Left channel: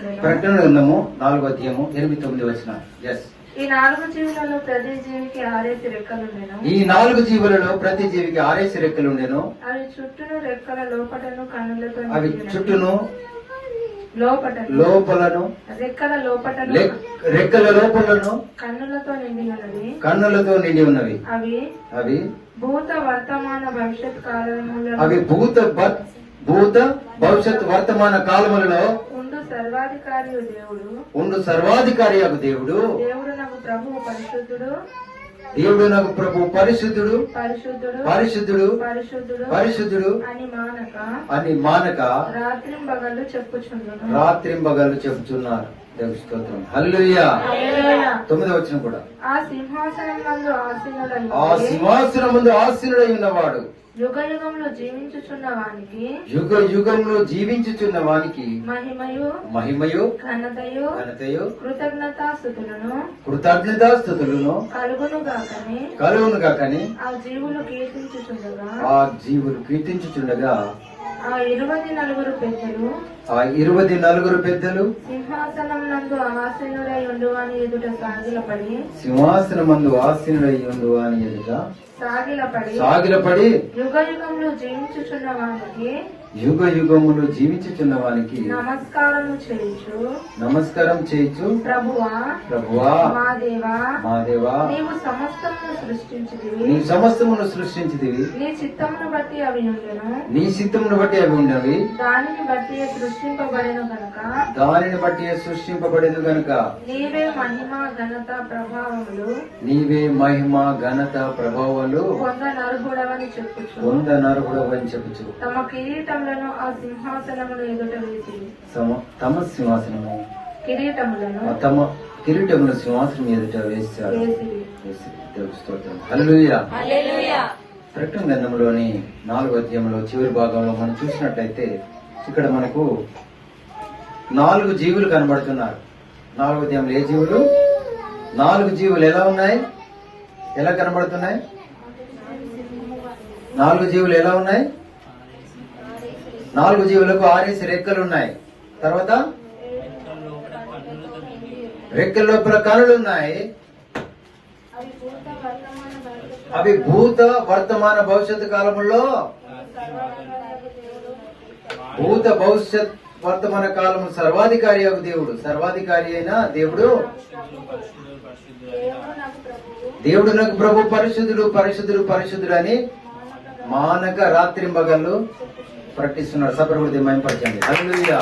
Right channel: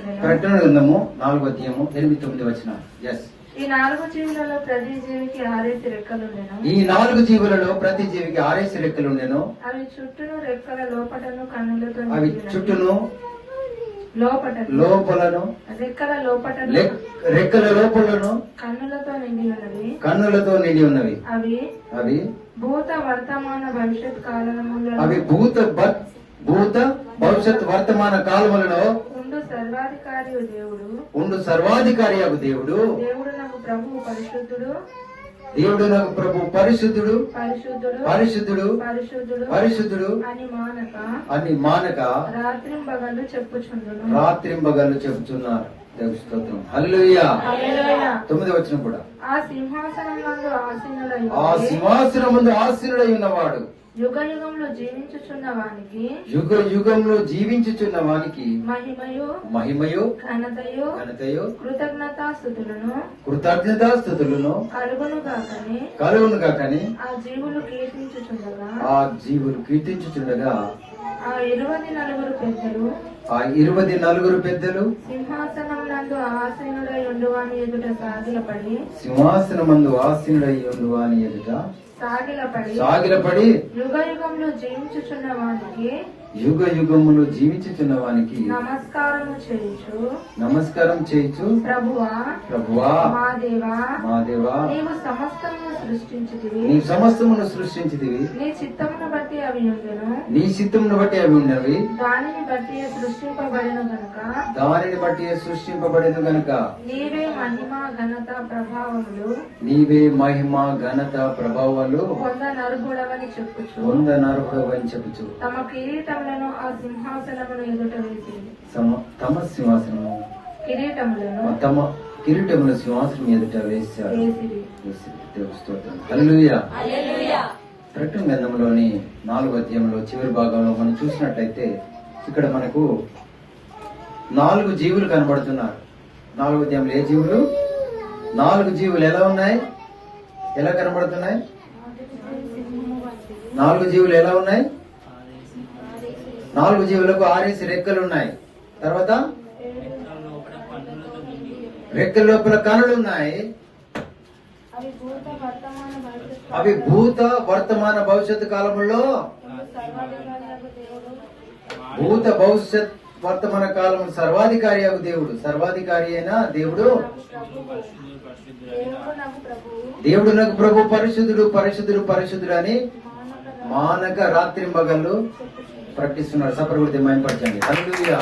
ప్రకటన గ్రంథము 4వ అధ్యాయము 8-9 వచనం. ఎస్. ఈ 4 జీవులలో ప్రతి జీవికి 6 రెక్కలుండెను. ఈ 4 జీవులలో ప్రతి జీవికి 6 రెక్కలుండెను. అవి చుట్టూను రెక్కల లోపటను కన్నులతో అవి చుట్టూను లోపలను రెక్కల లోపటను రెక్కల లోపలను కన్నులతో నిండి ఉన్నవి. అవి భూత వర్తమాన భవిష్యత్ కాలములలో అవి భూత భవిష్యత్ వర్తమాన కాలములలో ఉండు సర్వాధికారి దేవుడు దేవుడు నాకు ప్రభు పరిశుద్ధుడు పరిశుద్ధుడు అని మానక రాత్రింబగళ్ళు చెప్పుచున్నారు. దేవుని స్తోత్రం. హల్లెలూయా. 9వ వచనం కూడా. ఆ సింహాసనమునందు ఆసీనుడై ఉన్నవాడు యుగ యుగంలో జీవించుచున్న వానికి మహిమయు ఘనతయు కృతజ్ఞతాస్తుతులను కలుగును గాకని ఆ జీవులు కీర్తించుచుండగా ఆ 24 పెద్దలు సింహాసనం నందు ఆసీనుడై ఉండువాని ఎదుట సాగిలపడి యుగ యుగములు జీవించుచున్న వానికి నమస్కారం చేయుచు ప్రభువా మా దేవా నీవు సమస్తమును సృష్టించితివి. నీ చిత్తమును బట్టి అవి ఉన్నవి. దానిని బట్టి సృష్టింపబడిన గనుక నీవే మహిమ ఘనత ప్రభావములు పొందనర్హుడవని చెప్పుచు తమ కిరీటములను ఆ సింహాసనముల ఎదుట వేసి తమ కిరీటముల సింహాసనం ఎదుట వేశారు. హల్లెలూయా. ప్రకటన గ్రంథంలోని 4వ అధ్యాయంలో చివరి భాగంలో మనం చూసినట్లయితే ఇక్కడ మనకు 4 జీవులు కనబడుతున్నారు. 4వ అధ్యాయంలో ఏ జీవులు? 4 జీవులు ఎలా కనబడుతున్నాయి? 4 జీవులు ఎలా ఉన్నాయి? 4 జీవులకు 6 రెక్కలు ఉన్నాయి. తర్వాత రెక్కల లోపల కనులు ఉన్నాయి. అవి భూత వర్తమాన భవిష్యత్తు కాలములో వర్తమాన కాలము సర్వాధికారి అయిన దేవుడు నాకు ప్రభు పరిశుద్ధుడు అని మానక రాత్రింబగళ్ళు ప్రకటిస్తున్నాడు. సపరుగుడి మయంపరచండి. హల్లెలూయా.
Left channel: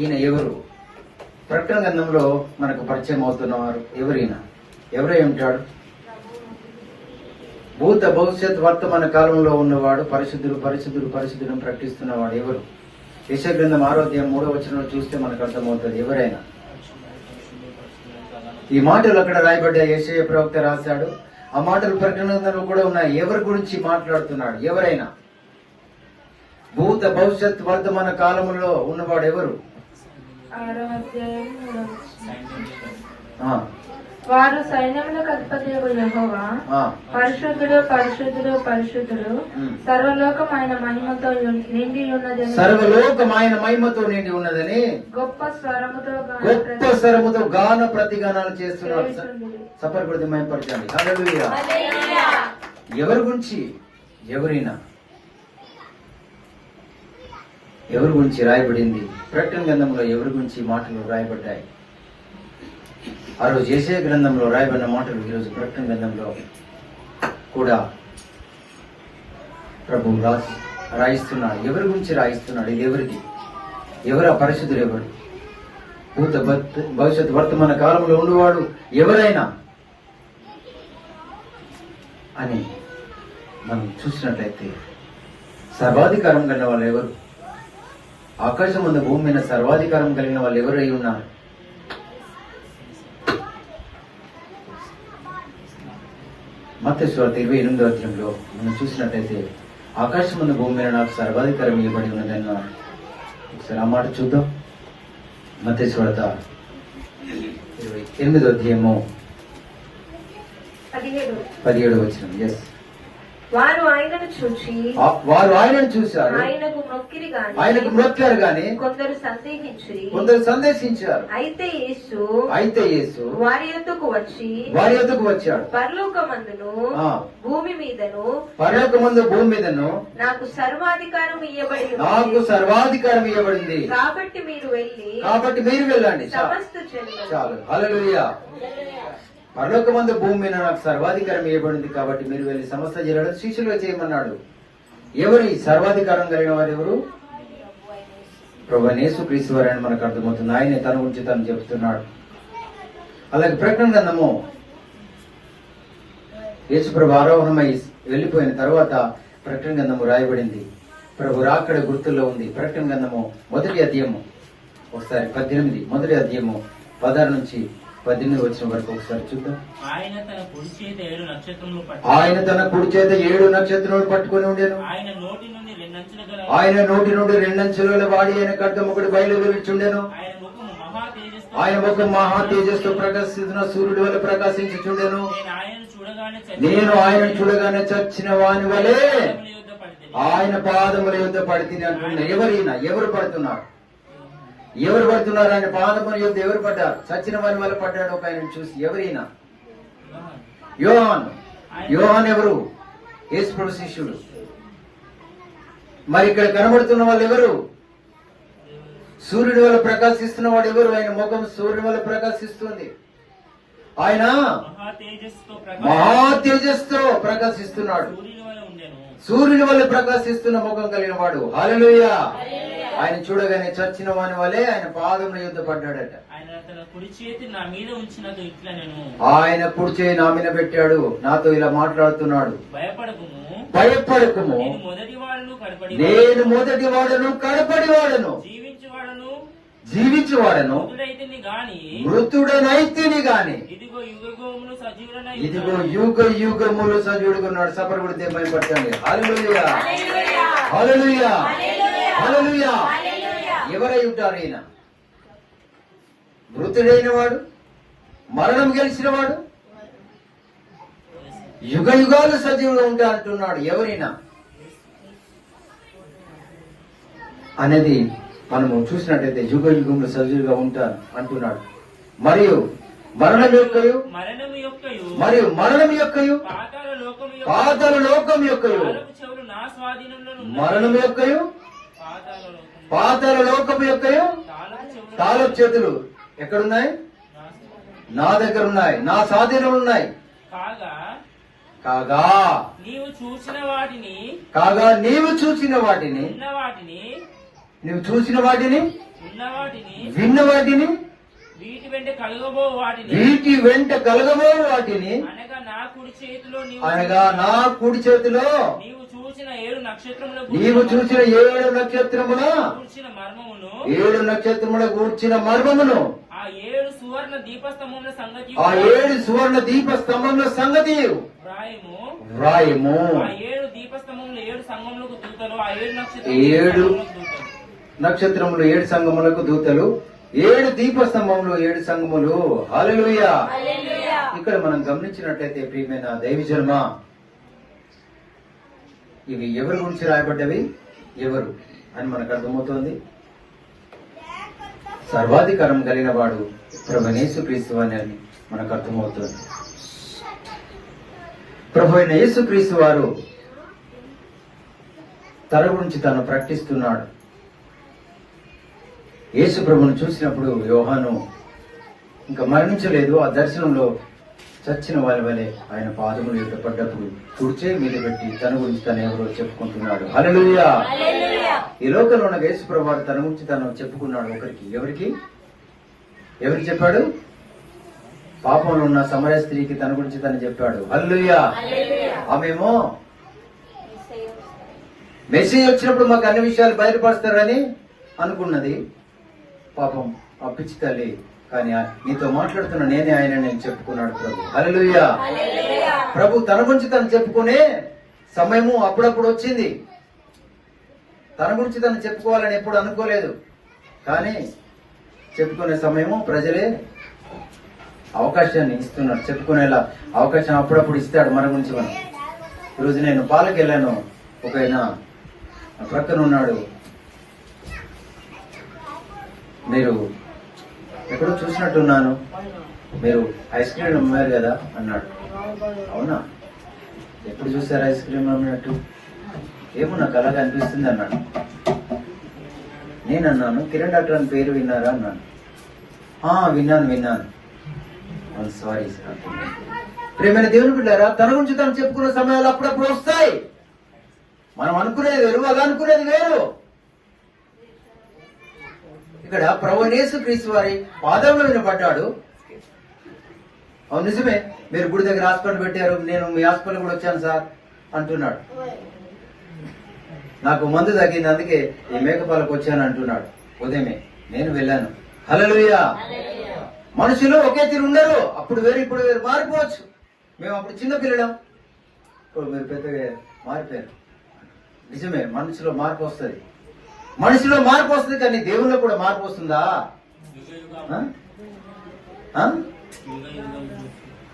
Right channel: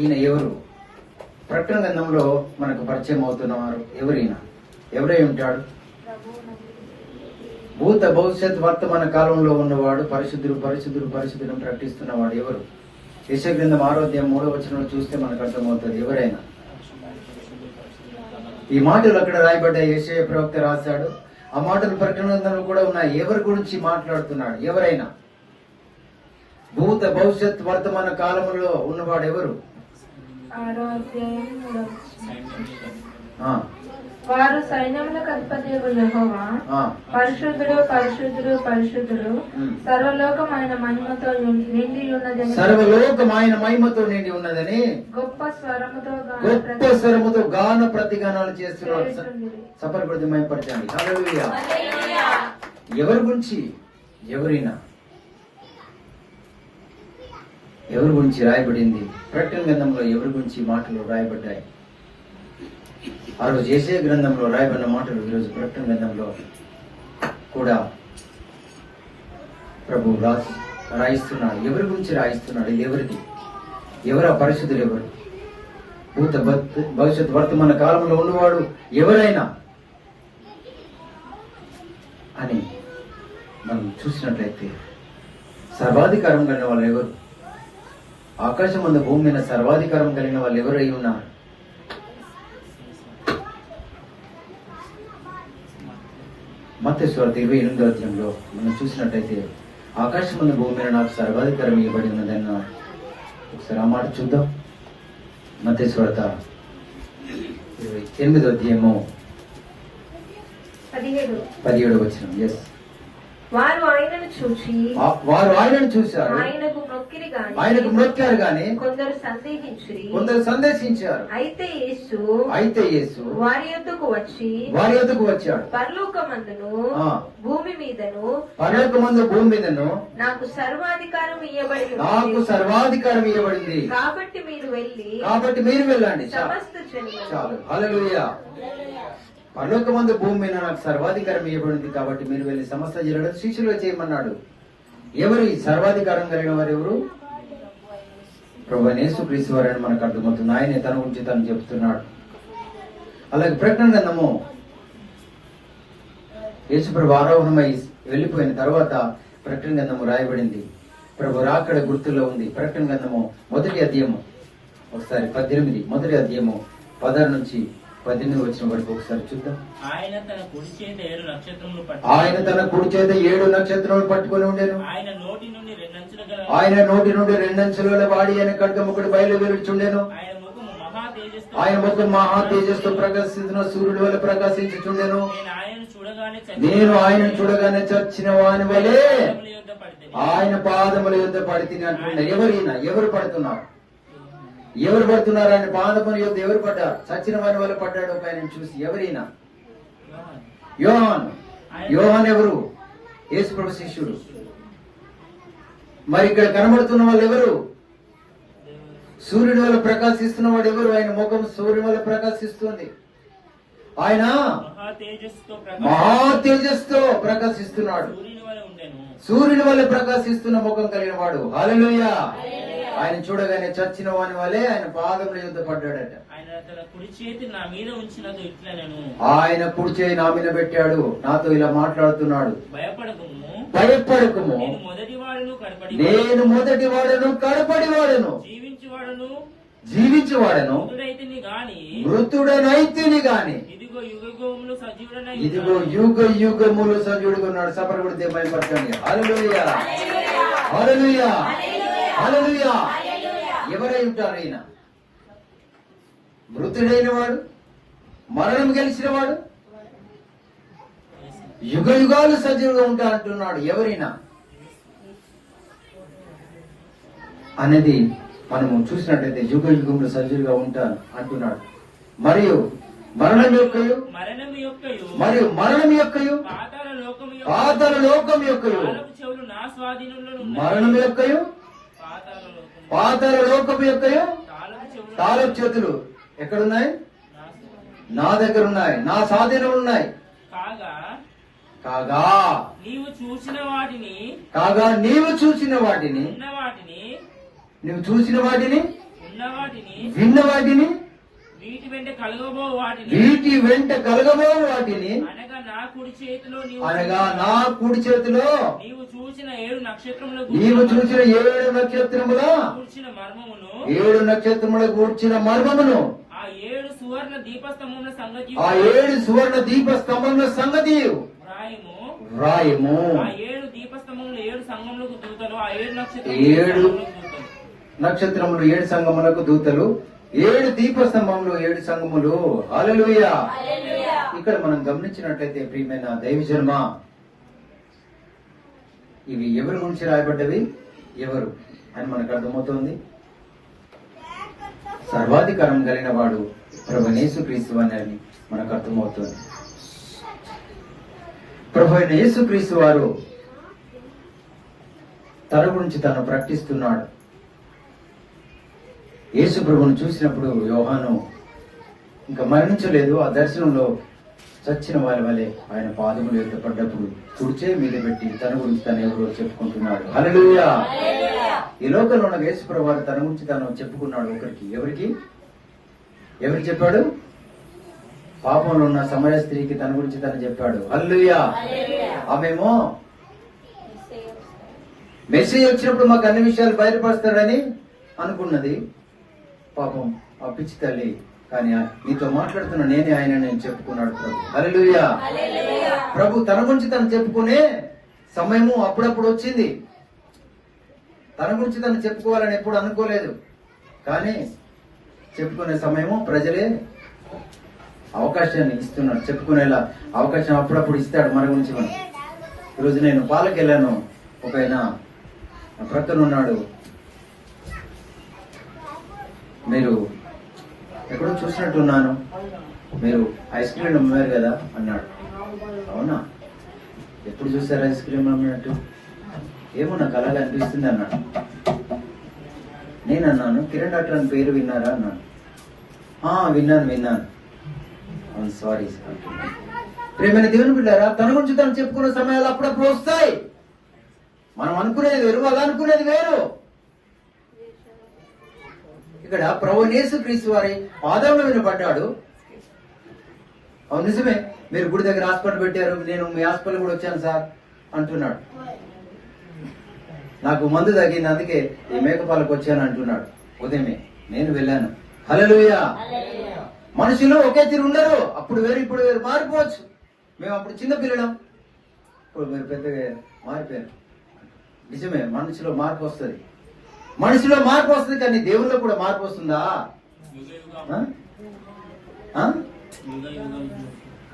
ఈయన ఎవరు? ప్రకటన గ్రంథంలో మనకు పరిచయం అవుతున్నవారు ఎవరై ఉంటాడు? భూత భవిష్యత్ వర్తమాన కాలంలో ఉన్నవాడు పరిశుద్ధుడు ప్రకటిస్తున్నవాడు ఎవరు? యెషయా గ్రంథం 6వ అధ్యాయం 3వ వచనంలో చూస్తే మనకు అర్థమవుతుంది ఎవరైనా. ఈ మాటలు అక్కడ రాయబడ్డ యెషయా ప్రవక్త రాశాడు. ఆ మాటలు ప్రకటన గ్రంథంలో కూడా ఉన్నాయి. ఎవరి గురించి మాట్లాడుతున్నాడు? ఎవరైనా భూత భవిష్యత్ వర్తమాన కాలంలో ఉన్నవాడు ఎవరు? వారు సైన్యములకు అధిపతియగు యెహోవా పరిశుద్ధుడు సర్వలోకమైన మహిమతో నిండి ఉన్నదని గొప్ప స్వరముతో గాన ప్రతిగానాలు చేస్తున్నాడు. సపర్కృతి మహిమపరచండి. హల్లెలూయా. ఎవరి గురించి? ఎవరి గురించి రాయబడింది? ప్రకటన గ్రంథంలో ఎవరి గురించి మాటలు రాయబడ్డాయి? ఆ రోజు యెషయా గ్రంథంలో రాయబడిన మాటలు ఈరోజు ప్రకటన గ్రంథంలో కూడా ప్రభు రాయిస్తున్నాడు. ఎవరి గురించి రాయిస్తున్నాడు? ఇది ఎవరిది? ఎవరు ఆ పరిశుద్ధులు? ఎవరు? భూత భవిష్యత్ వర్తమాన కాలంలో ఉన్నవాడు ఎవరైనా అని మనం చూసినట్లయితే సర్వాధికారం కలిగిన వాళ్ళు ఎవరు? ఆకాశం ముందు భూమి మీద సర్వాధికారం కలిగిన వాళ్ళు ఎవరై ఉన్నారు? మత్తయి సువార్త 28వ అధ్యాయంలో మనం చూసినట్లయితే ఆకాశం ముందు భూమి మీద నాకు సర్వాధికారం ఇవ్వబడి ఉన్నదన్నారు. ఒకసారి ఆ మాట చూద్దాం. మత్తయి సువార్త 28వ అధ్యాయము 17వ వచనం. ఎస్. వారు ఆయనను చూశారు. ఆయనకు మొక్కిరి గాని మొక్కారు గాని కొందరు సందేశించారు. అయితే యేసు వారి యొద్దకు వచ్చాడు. పరలోకమందును భూమి మీదను నాకు సర్వాధికారం ఇయ్యబడింది. కాబట్టి మీరు వెళ్ళండి. సమస్త చాలు. హల్లెలూయా. పరలోకమందు భూమి మీద నాకు సర్వాధికారం ఇవ్వబడింది కాబట్టి మీరు వెళ్ళి సమస్త జనులను శిష్యులుగా చేయమన్నాడు. ఎవరు ఈ సర్వాధికారం కలిగిన వారు? ఎవరు? ప్రభువైన యేసుక్రీస్తు వారని మనకు అర్థమవుతుంది. ఆయనే తన గురించి తను చెప్తున్నాడు. అలాగే ప్రకటన గ్రంథము యేసు ప్రభు ఆరోహణమై వెళ్లిపోయిన తర్వాత ప్రకటన గ్రంథము రాయబడింది. ప్రభు రాకడ గుర్తుల్లో ఉంది. ప్రకటన గ్రంథము మొదటి అధ్యాయము ఒకసారి 18 మొదటి అధ్యాయము 16 నుంచి 18 వచ్చిన వరకు ఒకసారి చూద్దాం. ఆయన తన కుడి చేత 7 నక్షత్రములు పట్టుకొని ఉండేను. ఆయన నోటి నుండి 2 అంచుల వాడి ఆయన ఖడ్గం ఒకటి బయలువెళ్ళుచుండెను. ఆయన ముఖం మహా తేజస్సు ప్రకాశిస్తున్న సూర్యుడి వల్ల ప్రకాశించుచుండెను. నేను ఆయనను చూడగానే చచ్చిన వాని వలె ఆయన పాదముల యొద్ద పడితిని అంటున్నా. ఎవరు పడుతున్నారు? ఆయన పాదముల యొద్ద ఎవరు పడ్డారు? చచ్చిన వాని వల్ల పడ్డాడు ఒక ఆయన చూసి. ఎవరైనా? యోహాన్ ఎవరు? యేసు ప్రభు శిష్యుడు. మరి ఇక్కడ కనబడుతున్న వాళ్ళు ఎవరు? సూర్యుడి వల్ల ప్రకాశిస్తున్న వాడు ఎవరు? ఆయన ముఖం సూర్యుడి వల్ల ప్రకాశిస్తుంది. ఆయన మహా తేజస్తో ప్రకాశిస్తున్నాడు. సూర్యుని వల్ల ప్రకాశిస్తున్న ముఖం కలిగిన వాడు. హల్లెలూయా. ఆయన చూడగానే చచ్చిన వాని వలె ఆయన పాదముల యొద్ద పడ్డాడట. ఆయన కుడి చేయి నా మీద పెట్టాడు. నాతో ఇలా మాట్లాడుతున్నాడు. భయపడకుము, నేను మొదటి వాడను కడపడి వాడను, జీవించువాడను, మృతుడనైతిని గాని ఇదిగో యుగ యుగములు సజీవుడుగా ఉన్నాడు. సపర కొడితే భయపడకండి. హల్లెలూయా, హల్లెలూయా, హల్లెలూయా. ఎవరై ఉంటారు ఈయన? మృతుడైన వాడు, మరణం గెలిచిన వాడు, యుగ యుగాలు సజీవుగా ఉంటా అంటున్నాడు. ఎవరైనా అనేది మనము చూసినట్లయితే యుగ యుగంలో సజీవుగా ఉంటాను అంటున్నాడు. మరియు మరణం యొక్కయు పాతాళ లోకం యొక్కయు మరణం యొక్కయు పాతాళ లోకం యొక్కయు తాళపు చేతులు ఎక్కడున్నాయి? నా దగ్గర ఉన్నాయి, నా స్వాధీనం ఉన్నాయి. కాగా నీవు చూసిన వాటిని నువ్వు చూసిన వాటిని విన్న వాటిని వీటి వెంట కలగబో వాటిని అనగా నా కుడి చేతిలో నీవు చూసిన 7 నక్షత్రముల గూర్చిన మర్మమును ఆ 7 సువర్ణ దీపస్తంభముల సంగతి వ్రాయము. ఆ 7 దీపస్తంభములు 7 సంఘములకు దూతలు. ఆ 7 నక్షత్రములు 7 సంఘములకు దూతలు. 7 దీపస్తంభములు 7 సంఘములు. హల్లెలూయా. ఇక్కడ మనం గమనించినట్లయితే ప్రియమైన దైవజనమా, ఇవి ఎవరి గురించి రాయబడ్డవి, ఎవరు అని మనకు అర్థమవుతోంది. సర్వాధికారం కలిగిన వాడు ప్రభువైన యేసుక్రీస్తు అని మనకు అర్థమవుతుంది. ప్రభువైన యేసుక్రీస్తు వారు తన గురించి తాను ప్రకటిస్తున్నాడు. యేసు ప్రభువును చూసినప్పుడు యోహాను ఇంకా మరణించలేదు. ఆ దర్శనంలో చచ్చిన వాళ్ళ వలె ఆయన పాదములు యొక్క పడ్డప్పుడు తుడిచే మీద పెట్టి తన గురించి తను ఎవరో చెప్పుకుంటున్నాడు. హల్లెలూయా. ఈ లోకంలో ఉన్న యేసు ప్రభు వారు తన గురించి తాను చెప్పుకున్నాడు. ఎవరికి చెప్పాడు? పాపంలో ఉన్న సమరయ స్త్రీకి తన గురించి తను చెప్పాడు. హల్లెలూయా. ఆమెమో మెస్సీయా వచ్చినప్పుడు మాకు అన్ని విషయాలు బయలుపరుస్తాడని అనుకున్నది. పాపం ఆ పిచ్చి తల్లి, కానీ నీతో మాట్లాడుతున్న నేనే ఆయన నేను చెప్పుకున్నాడు ప్రభు. హల్లెలూయా. ప్రభు తన గురించి తను చెప్పుకునే సమయము అప్పుడప్పుడు వచ్చింది. తన గురించి తను చెప్పుకోవాలని ఎప్పుడు అనుకోలేదు, కానీ చెప్పుకునే సమయము ప్రజలే అవకాశాన్ని ఇస్తున్నాడు. చెప్పుకునేలా అవకాశం అప్పుడప్పుడు ఇస్తాడు మన గురించి. మనం ఈరోజు నేను పాలకు వెళ్ళాను. ఒక ఆయన ప్రక్కన ఉన్నాడు. మీరు ఎక్కడో చూసినట్టున్నాను, మీరు ఐస్ క్రీమ్ అమ్మారు కదా అన్నాడు. అవునా, ఎప్పుడు చూసారు ఐస్ క్రీమ్ అమ్మినట్టు? ఏమో నాకు అలాగే అనిపిస్తుంది అన్నాడు. నేనన్నాను, కిరణ్ డాక్టర్ అని పేరు విన్నారా అన్నాను. విన్నాను. Sorry sir. ప్రేమైన దేవుని బిడ్డారా, తన గురించి తను చెప్పుకున్న సమయాలు అప్పుడప్పుడు వస్తాయి. మనం అనుకునేది వేరు, అలా అనుకునేది వేరు. ఇక్కడ ప్రభు యేసుక్రీస్తు వారి పాదంలో వినపడ్డాడు. అవును నిజమే, మీరు గుడి దగ్గర హాస్పిటల్ పెట్టారు, నేను మీ హాస్పిటల్ కూడా వచ్చాను సార్ అంటున్నాడు. నాకు మందు తగ్గింది, అందుకే ఈ మేకపాలకు వచ్చాను అంటున్నాడు. ఉదయమే నేను వెళ్ళాను. హల్లెలూయా. మనుషులు ఒకే తీరు ఉండరు. అప్పుడు వేరు ఇప్పుడు వేరు, మారిపోవచ్చు. మేము అప్పుడు చిన్న పిల్లలం, ఇప్పుడు మీరు పెద్దగా మారిపోయారు. నిజమే, మనుషులో మార్పు వస్తుంది. మనిషిలో మార్పు వస్తుంది, కానీ దేవుల్లో కూడా మార్పు వస్తుందా?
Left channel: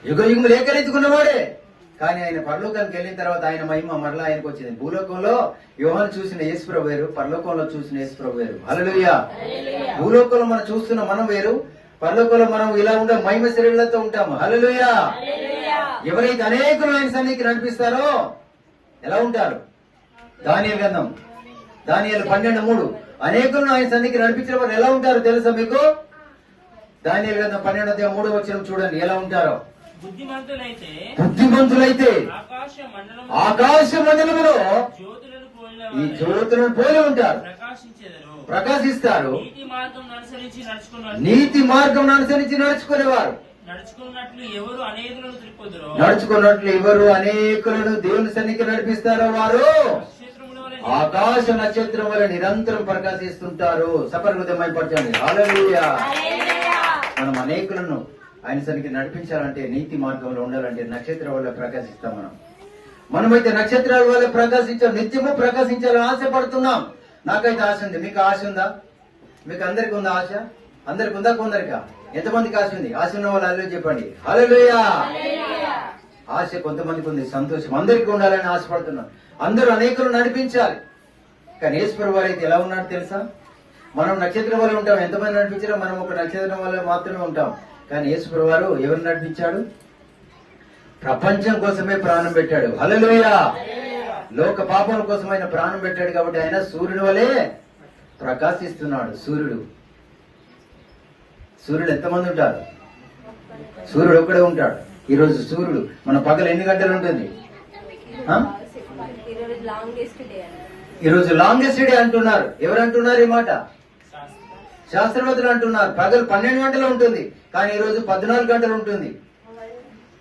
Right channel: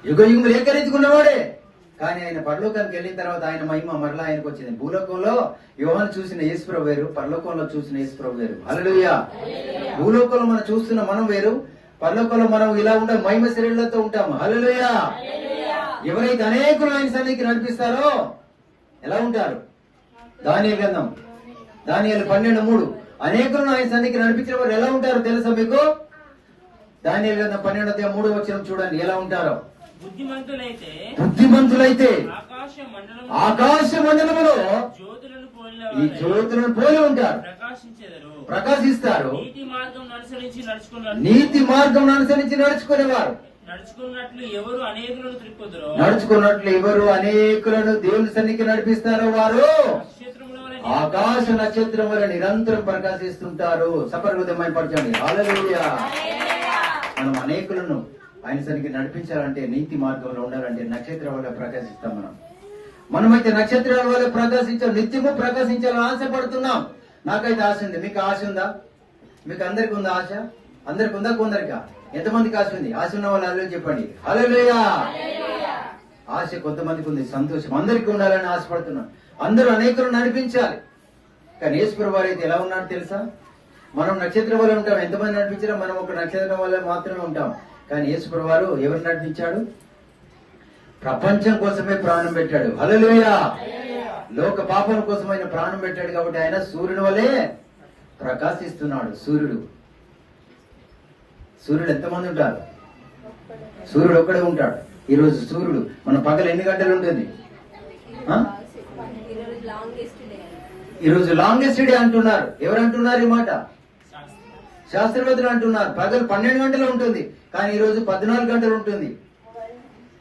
యుగ యుగములు ఏకరీతికున్నవాడే, కానీ ఆయన పరలోకానికి వెళ్ళిన తర్వాత ఆయన మహిమ మరలా ఆయనకు వచ్చింది. భూలోకంలో యోహాను చూసిన యేసుప్రభు వేరు, పరలోకంలో చూసిన యేసుప్రభు వేరు. హల్లెలూయా. భూలోకంలో మనం చూస్తున్న మనం వేరు, పరలోకంలో మనం ఇలా ఉండే మహిమ శరీరాలతో ఉంటాము. హల్లెలూయా. ఎవరైతే అనేకులు ఆయన సన్నిధికి నడిపిస్తారో ఎలా ఉంటారు? దానియేలు గ్రంథం, దానియేలు 12:3, అనేకులను ఆయన సన్నిధికి నడిపించిన వారు ఎలా ఉంటారో తెలుసా మీకు? దానియేలు గ్రంథం 12:3 చూడండి ఎలా ఉంటారో. బుద్ధిమంతులైతే ఆకాశ మండలములో ఈ జ్యోతులను పోలి ఉంటారు, ప్రకాశిస్తారు. నీతి మార్గం అనుసరించి నడుచుకునేవారు. నడుచుకున్నట్లు ఎవరు అనేకులను దేవుని సన్నిధికి నడిపిస్తారో వారు ఆకాశ నక్షత్రం వల్ల నిరంతరం ప్రకాశిస్తుంటారు. సపరిమితమైపరచండి. హల్లెలూయా. మనం అనేకులను ఆయన సన్నిధికి నడిపించాలంటే, నీతి మార్గంలో ఉండాలంటే నక్షత్రం వల్ల ప్రకాశిస్తాం. మనమైతే నక్షత్రాల వల్ల ప్రకాశించాం, నిత్యము ప్రకాశించాలని ఆశపడుతున్నాం. నాకైతే ఆశ ఉంది. మీకు ఆశ ఉందా? మీకు అందరికి ఉందా ఆశ? అందరికి ఉందా? కొందరికా? ఎంతమందికి ఆశ ఉంది? ఆశ ఉన్న వాళ్ళు అలా చెప్పండి. హల్లెలూయా. ఆశ కొంతమందికి ఉంది, సంతోషం. అందరికీ ఉండాలని ఆశపడుతున్నాం. అందరూ అనేకులు నడిపించాలి. కానీ యేసుప్రభువు వారు అయితే ఎలా ఉన్నాడు తెలుసా? మనం నక్షత్రం వల్ల ఉంటాం. ఎంతమంది నడిపించారో మనం ఒక నక్షత్రం వల్ల మాత్రమే ఉంటాం. కానీ యేసుప్రభువు వారు ఎవరు నడిపించాడు? ప్రపంచం కోసమే ప్రాణం పెట్టాడు. హల్లెలూయా. లోక పాపం కోసం ఆయన ప్రాణం పెట్టాడు. కాబట్టి ఆయన సూర్యుని వలె ప్రకాశిస్తున్నాడు. సూర్యుడు ఎంతమంది ఉంటారు? సూర్యుడు ఒక్కడే ఉంటాడు. ఈరోజు సూర్యుడు మన పగలు ఎన్ని గంటలు ఉంటుంది? ఈరోజు లాంగెస్ట్ డే అంటున్నారు. ఎవరు అంటున్నారు ఈ మాట? శాస్త్రవేత్తలు అంటున్నారు. పగలు 12 గంటలు ఉంటుంది, కానీ ఈరోజు 14 గంటలు ఉంటుంది.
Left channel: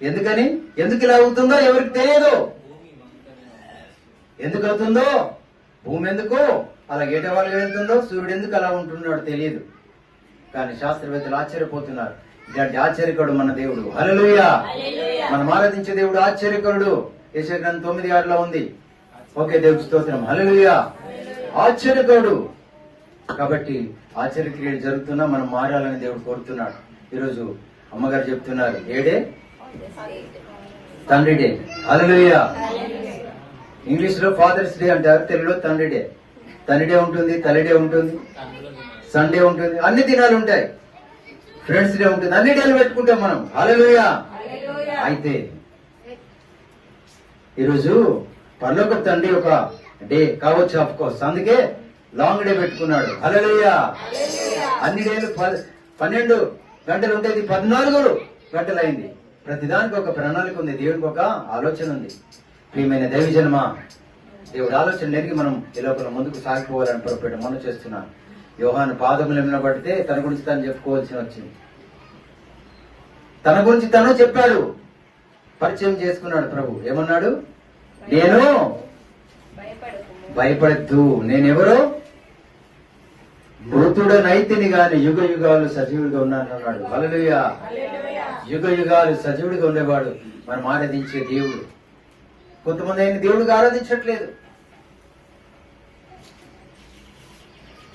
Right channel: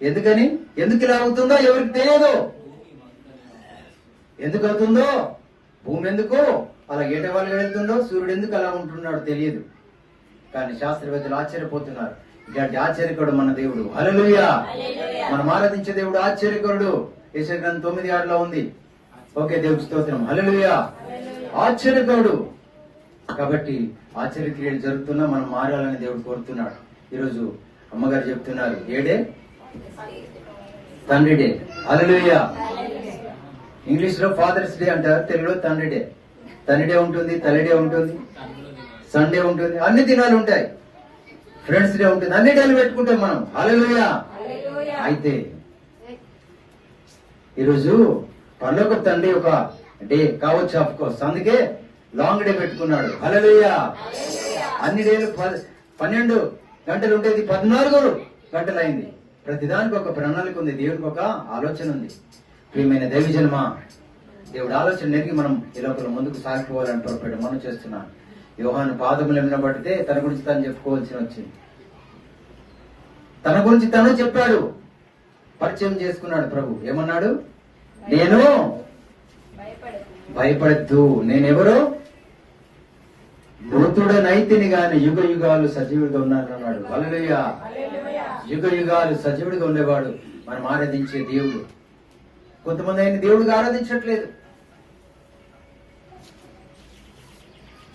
ఎందుకని? ఎందుకు ఇలా అవుతుందో ఎవరికి తెలియదు. ఎందుకు అవుతుందో, భూమి ఎందుకు అలా ఏటవాళ్ళు వెళ్తుందో, సూర్యుడు ఎందుకు అలా ఉంటున్నాడో తెలియదు. కానీ శాస్త్రవేత్తలు ఆశ్చర్యపోతున్నారు. ఇలాంటి ఆశ్చర్యకరుడు మన దేవుడు. హల్లెలూయా. మనం ఆరాధించే దేవుడు ఆశ్చర్యకరుడు. యెషయా గ్రంథం 9:6 ఉంది. ఓకే, దేవుడి స్తోత్రం. హల్లెలూయా. ఆశ్చర్యకరుడు. కాబట్టి ఆశ్చర్యక్రియలు జరుగుతున్నా మనం మారాలని దేవుడు కోరుతున్నాడు. ఈరోజు అమ్మగారు చెప్తున్నారు, ఏడే తండ్రి డే. హల్లెలూయా. ఇంగ్లీష్ లో ఫాదర్స్ డే అంటారు, తెలుగులో తండ్రి డే. తండ్రి డే ఉంటుంది, తల్లి డే ఉంటుంది, సండే ఉంటుంది, అన్ని దినాలు ఉంటాయి. ఫ్రెండ్స్ డే ఉంటుంది, అన్ని డేలు పెట్టుకుంటాం మనం. హల్లెలూయా. అయితే ఈరోజు పరలోక తండ్రి ఒక డే కావచ్చు, ఆఫ్ కోర్స్, అందుకే లాంగ్ డే పెట్టుకున్నాడు. హల్లెలూయా. అన్ని డేలు 12 గంటలు ఉంటుంది, 14 గంటలు అయింది. ప్రతిదానికి ఒక ప్రణాళిక ఉంది, దేవుడికి ఒక ఆలోచన ఉంది. ప్రియమైన దైవజనమా, దేవుడి ఆలోచన నెరిగి మనం ఈ లోపల ముందుకు సాగిపోవాలని పొరపాటు మనం చేస్తున్నాను. యోహాను పాదములు నిలబడితే తన గురించి తను చెప్పుకోవాల్సి వచ్చింది. తన గురించి తను చెప్పాడు, పరిచయం చేసుకున్నాడు. ప్రభు ఏమన్నాడు? నేను భయపడద్దు, నేనెవరో మృతుడనైతిని గాని యుగ యుగాలు సజీవుడిగా ఉన్నానన్నాడు. హల్లెలూయా. యుగ యుగాలు సజీవుడిగా ఉండేవాడు మనం ఆరాధించే దేవుడు. కొంతమంది ఆయన దేవుడిగా ఆరాధించట్లేదు.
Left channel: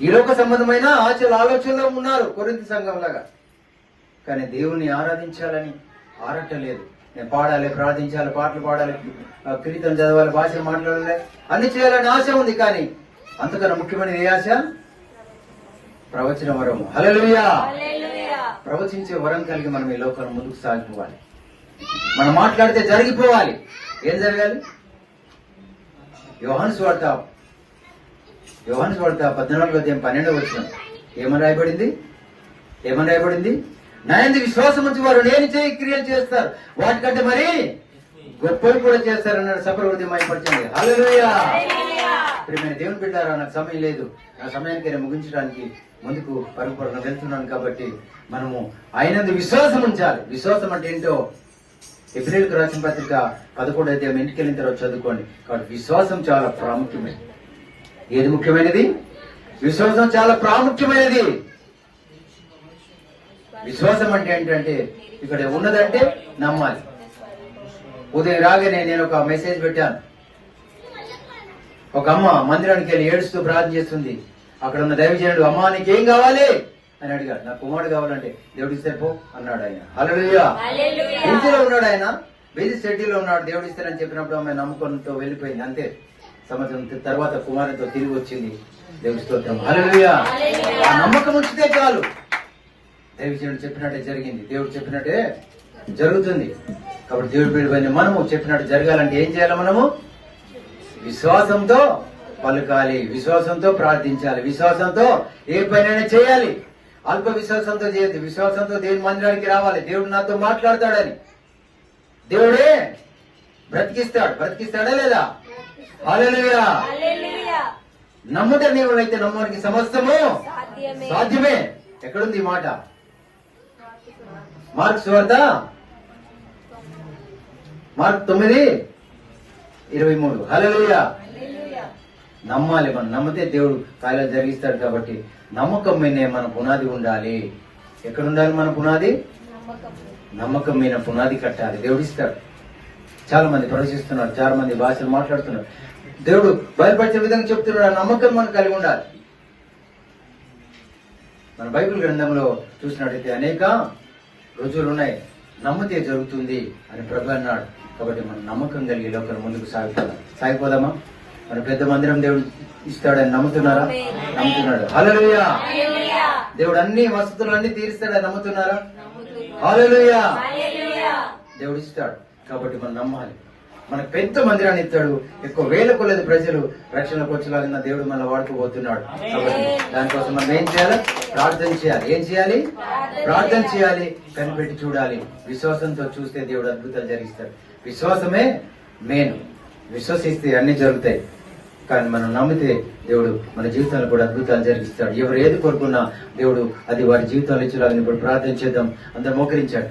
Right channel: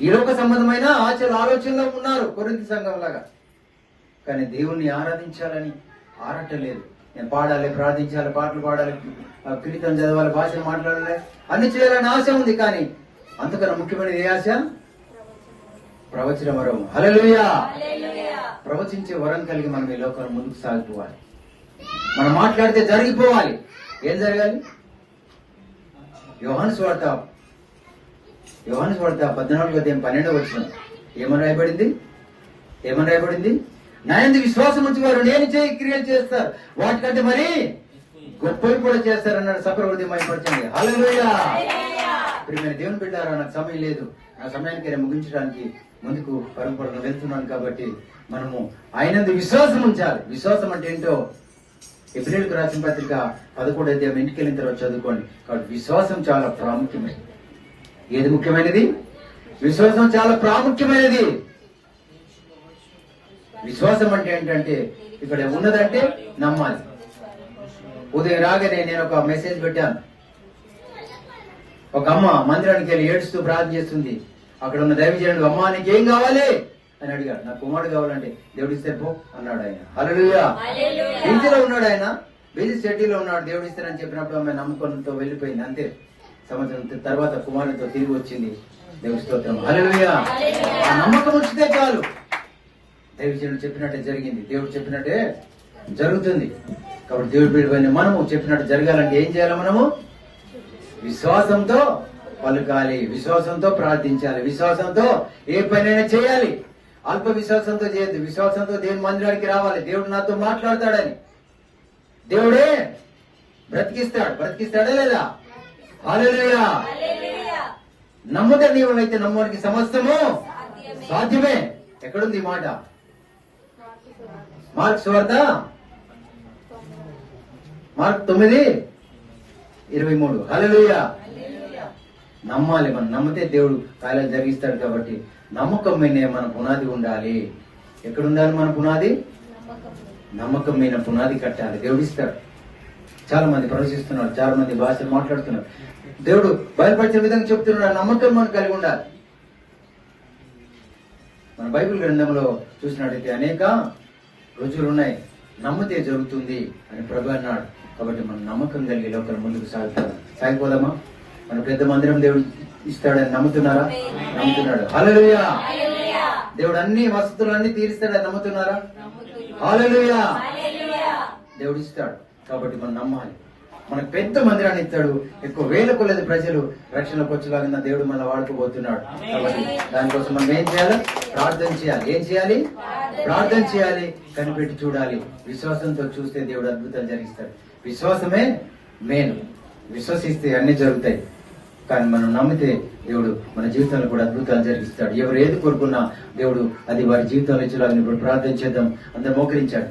ఈ లోక సంబంధమైన ఆలోచనలో ఉన్నారు, కొరింథీ సంఘం లాగా. కానీ దేవుణ్ణి ఆరాధించాలని ఆరట్టలేదు. నేను పాడాలి, ప్రార్థించాలి, పాటలు పాడాలి, కీర్తన చదవాలి, భాషలు మాట్లాడాలి, అన్ని చేయాలని ఆశ ఉంది. కానీ అంతకన్నా ముఖ్యమైనది ఏ ఆశ? ప్రవచన వరం. హల్లెలూయా. ప్రవచించే వరం కలిగి మనం ఈ లోకాన్ని ముందుకు సాగిపోవాలి. మనం మాట్లాడితే జరిగిపోవాలి. ఏం జరగాలి? యోహాను సువార్త 14:12 ఏమని రాయబడింది? నా యందు విశ్వాసం ఉంచి వారు నేను చేయి క్రియలు చేస్తారు, వాటికంటే మరి గొప్పవి కూడా చేస్తారన్నాడు. సపరవృద్ధి మైపరచండి. హల్లెలూయా. ప్రియమైన దేవుని బిడ్డారా, నాకు సమయం లేదు. నా సమయానికి నేను ముగించడానికి ముందుకు పరుగుపడుతూ వెళ్తున్నాను. కాబట్టి మనము ఆయనందు విశ్వాసం ఉంచాలి. విశ్వాసం అంటే ఏంటో ఎబ్రిల్కు రాసిన పత్రిక 11వ అధ్యాయం ఇంటికి వెళ్ళిన తర్వాత చదువుకోండి. కాబట్టి విశ్వాసం చాలా ప్రాముఖ్యమైనది. ఏది ముఖ్యమైనది? విశ్వాసం చాలా ప్రాముఖ్యమైనది. విశ్వాసం అంటే ఏంటంటే ఇక్కడ ఉన్నదంటే నమ్మాలి. ఉదయం రాగానే నేను ఒక మెసేజ్ పెట్టాను. ఒక అమ్మ మందిరానికి వెళ్ళి ఏడుస్తూ ప్రార్థన చేస్తుంది. అక్కడ ఉన్న దైవజనుడు, అమ్మ నీకేం కావాలి అని అడిగాడు. నాకు కుమారుడు కావాలంటే దేవుడు ఇస్తే పో అన్నాడు ఆయన. హల్లెలూయా. బీజీలో ఉన్నాడు ఆయన, బీజీ షెడ్యూల్లో ఉన్నాడు. దేవుడు ఇస్తానని చెప్పినప్పుడు ఆమె నమ్మకంతో వెళ్ళిపోయింది. అంతే. సంవత్సరం తర్వాత కుమారుడితో తిరిగి వచ్చింది. దేవుడి స్తోత్రం. హల్లెలూయా. ఆ నమ్మకం ఉంచితే చాలు. దైవజనుడు చెప్పినట్టే జరిగింది. దేవుడు చెప్పినట్టే జరుగుతుంది. కాబట్టి దేవుడి బిడ్డలైన మనము చెప్పినట్టు జరగాలంటే ఏం చేయాలి? మనము విశ్వాసంతో పలకాలి, విశ్వాసంతో ప్రార్థించాలి, విశ్వాసంతో ఏ పనైనా చేయాలి. అల్ప విశ్వాసంతో చేయదు. విశ్వాసంతో దేవుని మందిరానికి రావాలి. దేవుడు నాతో మాట్లాడతాడని. దేవుడే బ్రతికిస్తాడా లేదా? హల్లెలూయా. నమ్ముట నీవైతే నమ్ముడికి సమస్తము సాధ్యమే. ఎక్కడుంది ఈ మాట? మార్కు సువార్త 9:23. హల్లెలూయా. నమ్మాలి. మనం నమ్మితే దేవుడు కార్యాలు జరిగిస్తాడు. కాబట్టి నమ్మకం మీదే మన పునాది ఉండాలి. ఎక్కడ ఉండాలి మన పునాది? నమ్మకం మీద పునాది కట్టాలి. దేవుడు ఇస్తాడు. చాలా మంది ప్రవేశిస్తున్నారు, చాలా మంది భాషలు మాట్లాడుతున్నారు. దేవుడు బయలుపరిచే విధంగా చెప్తున్నాడు. నమ్మకం మనం కలిగి ఉండాలి. మన బైబిల్ గ్రంథంలో చూసినట్టయితే అనేక రుజువులున్నాయి. నమ్మితే జరుగుతుంది అని ప్రభు అన్నాడు. కాబట్టి మనం నమ్మకం కలిగి లోకల్ ముందుకు సాగిపోదామా? మన పెద్ద మందిరం దేవుడు ఇస్తాడని నమ్ముతున్నారా? నమ్ముతున్నాడు. హల్లెలూయా. దేవుడు అన్ని వసతులన్నీ తీరుస్తాడని నమ్ముతున్నారా? హల్లెలూయా. దేవుడు ఇస్తాడు. కాబట్టి మనం నమ్మాలి. మనకు పెద్ద మందిరాన్ని ఇస్తాడు. ఎక్కువ వేల కొలది ప్రజలు రక్షణకు వచ్చేలాగా దేవుడు మనం వాడుకోబోతున్నాడు. కాబట్టి దానికోసం మనం ఏం చేయాలి? ప్రార్థన చేయాలి. ఏం చేయాలి? ప్రార్థన చేయాలి. కనిపెట్టి చూడాలి. విశ్వాసంతో చూస్తే దేవుడు అద్భుతాలు జరిగిస్తాడు. విశ్వాసమే మెయిన్. విశ్వసిస్తే అన్ని జరుగుతాయి. కానీ మనం నమ్మితే దేవుడు మన జీవితాన్ని కూడా అద్భుతాలు జరిగిస్తాడు. ఎవరు ఏది కోరుకున్నా దేవుడు అది వారి జీవితాలు ఇచ్చేలాగా ఇప్పుడు ప్రార్థన చేద్దాం. అందరూ మోకరించాడు.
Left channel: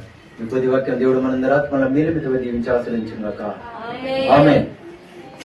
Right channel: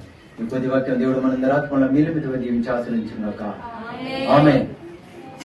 కొద్ది వాక్యం దేవుడు మనందరూ ఆత్మల మీలిమితో దీవించి ఆశ్రయించుగాక. ఆమేన్.